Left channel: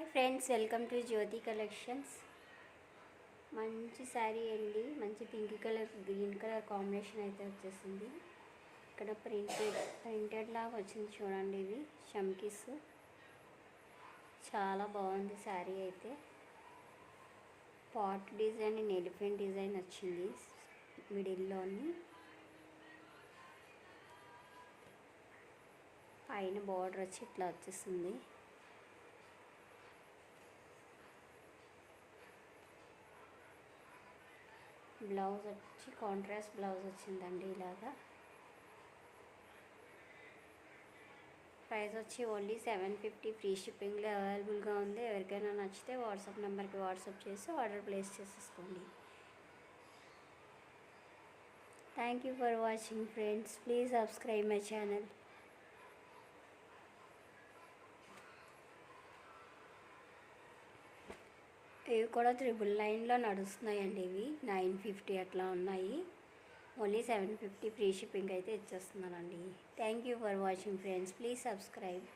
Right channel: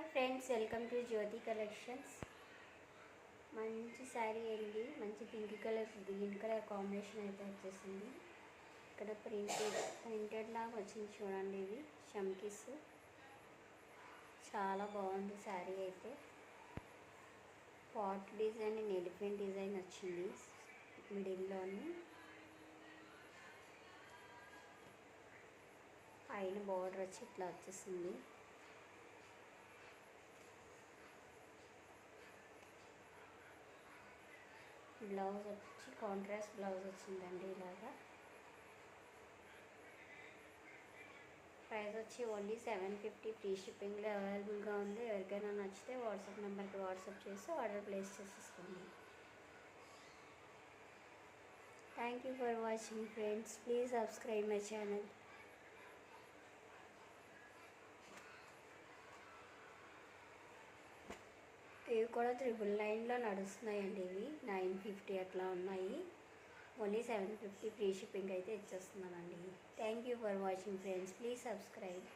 Hi friends, welcome to Jyoti collections. మంచి శారీ అండి, మంచి pink colour green colour combination అయితే వచ్చేసింది. ఇక్కడ ప్రింటెడ్ లాగా వచ్చింది చూడండి. ఇవి చమ్కీస్, చాలా బాగుంది శారీ అయితే. Pot design and elephant design వచ్చింది మిడిల్లోని. పైన బార్డర్ వచ్చి ఇట్లా వచ్చేసింది. బ్లౌజ్ వచ్చి కాంట్రాస్ట్ బ్లౌజ్ వచ్చిందండి ఇలాగా. ప్రైస్ వచ్చి ఓన్లీ 750 ఫ్రీ షిప్పింగ్లో అవైలబుల్గా ఉంది. ఎవరికైనా నచ్చితే వాట్సాప్ నెంబర్కి వాట్సాప్ చేసి ఆర్డర్ ప్లేస్ చేసేసుకోండి. Thank you for watching friends. Please subscribe my channel. ఇవి కూడా 999లో నడుస్తున్నాయండి. ఇవి 950 అట్లా ఉన్నాయి. ఓన్లీ 750 ఫ్రీ షిప్పింగ్ అయితే ఇచ్చేస్తున్నానండి. Thank you for watching friends. Please subscribe.